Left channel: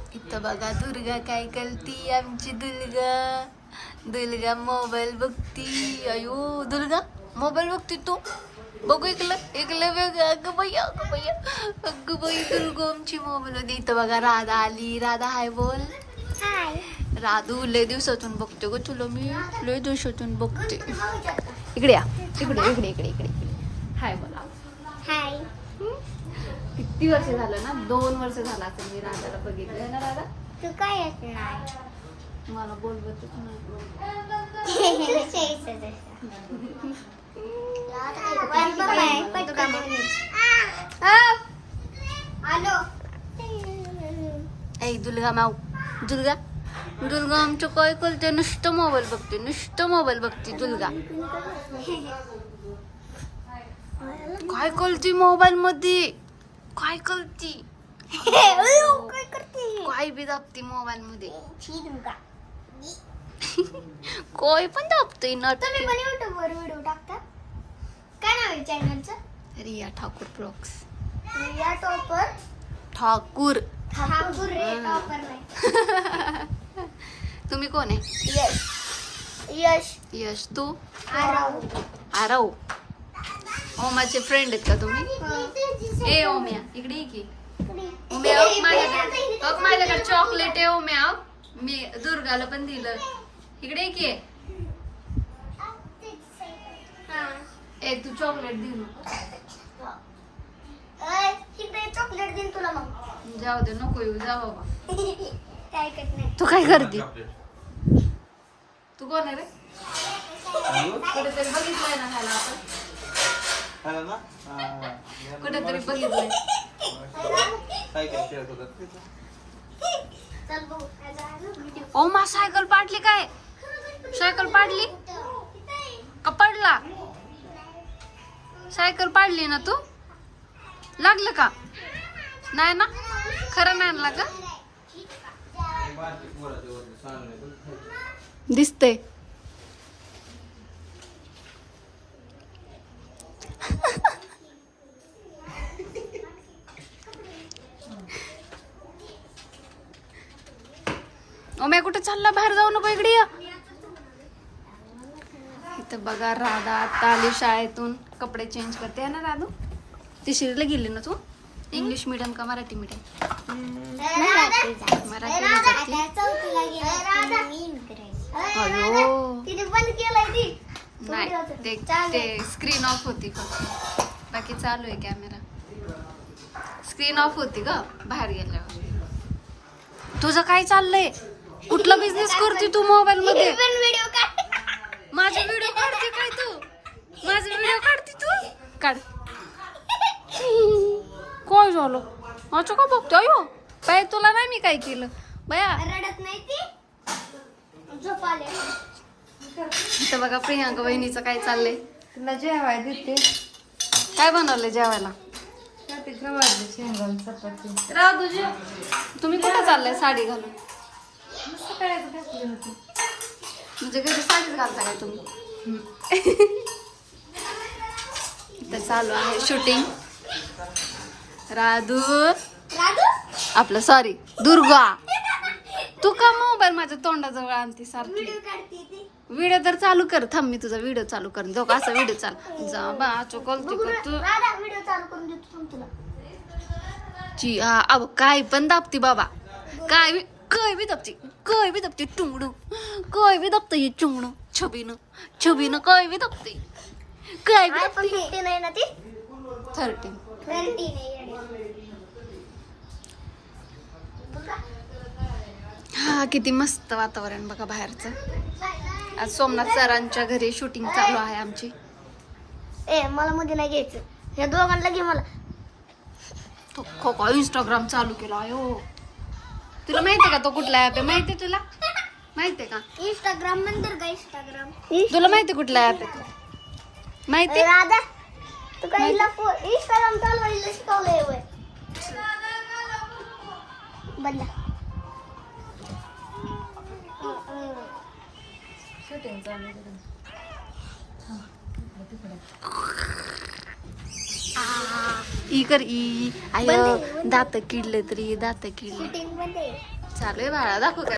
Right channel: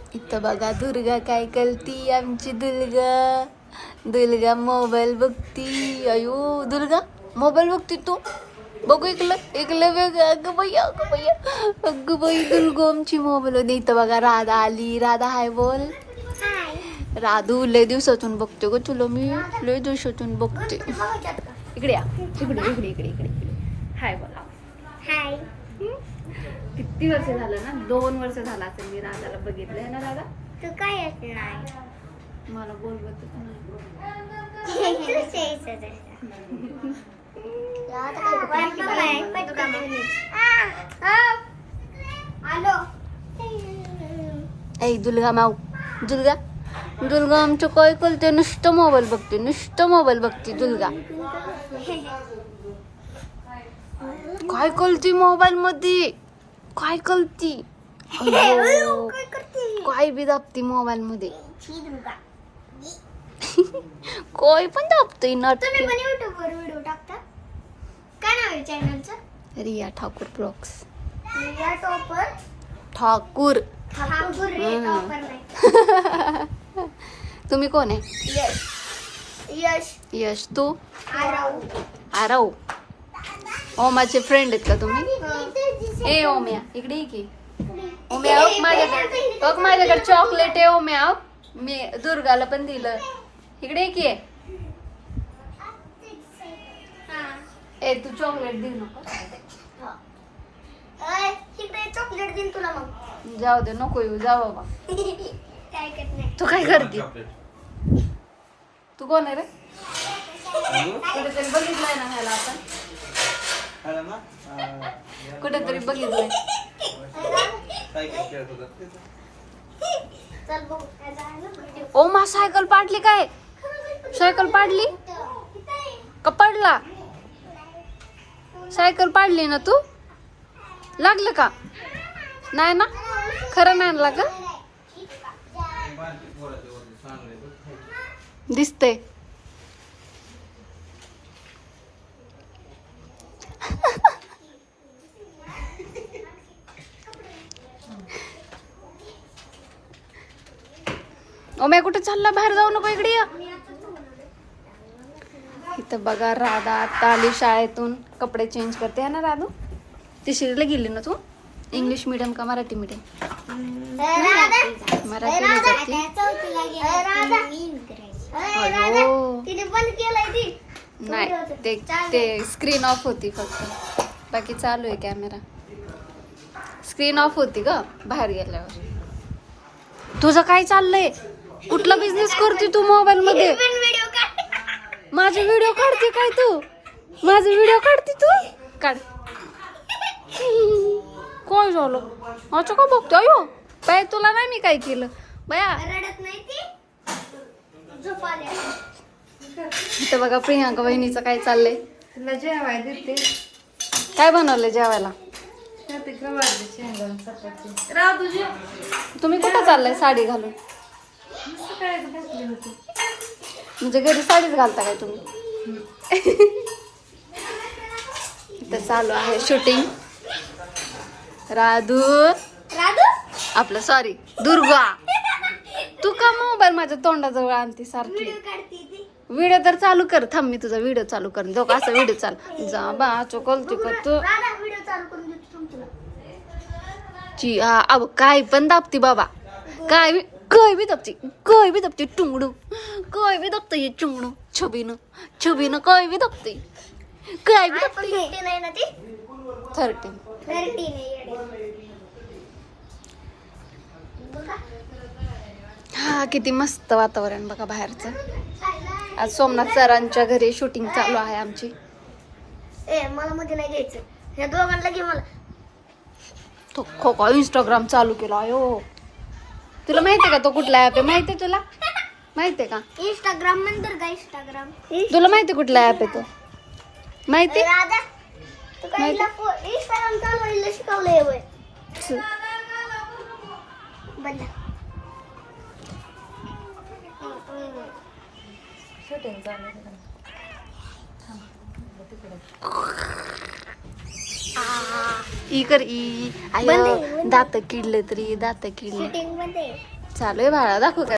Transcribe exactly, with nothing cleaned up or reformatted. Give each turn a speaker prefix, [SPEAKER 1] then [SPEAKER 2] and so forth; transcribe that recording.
[SPEAKER 1] इथं बघा दुर्गा काय करती, आमची दुर्गा. दुर्गा मोबाईल बघती. अयो दुर्गा मोबाईल बघती तू. बघू इकलं इकलं वेगळं. अगं बाई अगं बाई अगं बाई दुर्गा आमची मोबाईल होती. इथं बघा राधा आली. राधा हाय बोल. राधू लय दिवसातून बघते ग तुला मी. लय दिवसातून बघते. इकडे या इकडे इकडे इकडे इकडे इकडे हाय बोला.
[SPEAKER 2] हाय.
[SPEAKER 1] किती वर्ष झालं ना, दोन वर्ष झालं असेल मी राधाला बघितलंय ना. राधा
[SPEAKER 2] तू काय येत नाही.
[SPEAKER 1] मला बोलवतच नाही. ऐ दुर्गा माऊ. दुर्गा दुर्गा आमचं काय करते, नुसतं मोबाईल बघते. नुसतं मोबाईल बघते दुर्गा. काय करते मोबाईल मध्ये. काय करती काय बी दाबती मोबाईल मध्ये. काय पण दाबते नट.
[SPEAKER 2] तुम्ही पण युट्यूबवर व्हिडिओ टाकता. काय नाव आहे चॅनलचं?
[SPEAKER 1] रिया ठाकूर ब्लॉग्स.
[SPEAKER 2] रिया टॉपर
[SPEAKER 1] ठाकूर.
[SPEAKER 2] ठाकूर रे टॉपर नाही.
[SPEAKER 1] तुम्ही कोण आहे?
[SPEAKER 2] यश. यश.
[SPEAKER 1] यश. तू?
[SPEAKER 2] आरव.
[SPEAKER 1] आरव. ओमाचे फ्रेंड आहेत का तुम्ही? ए ओम्या इकडे ये की. ओम्या बघ माझ्याकडे बघ माझ्याकडे चॉकलेट आहे. ओम्या मी दुर्गाला पण दिलं. इकडे ये की. ए तू चॉकलेट देऊ नको.
[SPEAKER 2] तिकडे चॉकलेट देईन तुला मग.
[SPEAKER 1] जाऊ दे नको येऊ. जा बाबा.
[SPEAKER 2] काय करत नाही.
[SPEAKER 1] तू काय करते? तू कोण आहे रे? कुठेतरी बघितलंय ना ह्याला आपण. कुठेतरी बघितलंय. ओ मा सायकल पाडली काय? सायकल पाडली का पडला? सायकल पाडली ना तू? लागलं का? नाही ना, खरं नाही आणला का? दिसतंय. ओम्या कुठे चालला? बाहेर जाऊ नको. इकडे या. इथं बघा राधा आता आली शाळेतून. कपडे चेंज करते ना राधू. तिसरीला गेली ना तू? इंग्लिश मीडियम का मराठी मीडियम? मराठीला जाते. अयो नाही ते ते स्क्रीन ऑफ होती फक्त. बाकी चालू आहे कॅमेरा. स्क्रीन ऑफ होती ग बाहेर गेल्यावर. तुझं काय चाललंय? कुठला बिझनेस करते तू मोबाईल मध्ये? माझे व्हिडिओ काढते काय तू? माझे व्हिडिओ काढते तू? काढ. काय झालं? अच्छा का बघतो? अयो बाय तुला नाही मी काय केलं बया.
[SPEAKER 2] रडत नाही ती. झोप आली.
[SPEAKER 1] इथं बघा प्रियांका बहिणीचं काय चाललंय.
[SPEAKER 3] तुला जेवाय देते.
[SPEAKER 1] काय बनवलंय जेवायला?
[SPEAKER 3] राहू तुझे.
[SPEAKER 1] तुम्ही कुठं चाललंय साडी घालून?
[SPEAKER 3] घातली होती.
[SPEAKER 1] म्हणजे घरी साडीच घालता काय तुम्ही? इथं चालू आहे शूटिंग. राधू
[SPEAKER 2] राधू
[SPEAKER 1] आपलं सॉरी दुर्गा. तू का मोबाईल माझ्या तोंडाजवळ आणते सारखी?
[SPEAKER 2] व्हिडिओ काढते ती.
[SPEAKER 1] व्हिडिओ तर चालू कर. थांब मी तुझा व्हिडिओ चालू कर. जो का असा व्हिडिओ चालू जा बा चोकलती का तू?
[SPEAKER 2] राधा व्हिडिओ चालू करून देतो थांब तुला.
[SPEAKER 1] ची हा अब काय पण दाबती बाबा. काय बी काय बी दाबती. काय बी दाबती टुंगडू. काय बी दाबतं हे चुंगडू. छबीनं छबीनं काय बी दाबते. काय बी दाबते.
[SPEAKER 2] फिफ्टीन आहे ना ती.
[SPEAKER 1] थर्टीन
[SPEAKER 2] थर्टीन आहे. बघा
[SPEAKER 1] हा किती मस्त वातावरण बघा बाहेरचं. आज सोमनाथ सरांच्या घरी शूटिंग चालू आहे आमची.
[SPEAKER 2] ए मला मध्ये नाही घ्यायचं. हे दोघांना घे मला.
[SPEAKER 1] तो खो खो इंस्टाग्राम चालू केला. अयो तुला माहितीये का तो कुठला ऍप आहे? माहितीये तुला? माहितीये का?
[SPEAKER 2] इंस्टाग्राम नंतर का इंस्टाग्राम?
[SPEAKER 1] तुला माहिती कुठला ऍप आहे तो? माहिती?
[SPEAKER 2] राधा तू काय इंस्टाग्राम चालवायला शिकवलंय होय? बंद.
[SPEAKER 1] आ, ई कर ई आय दात किडले तरी दात किडले
[SPEAKER 2] शूटिंग मध्ये
[SPEAKER 1] चालू आहे बाळा दाखव काय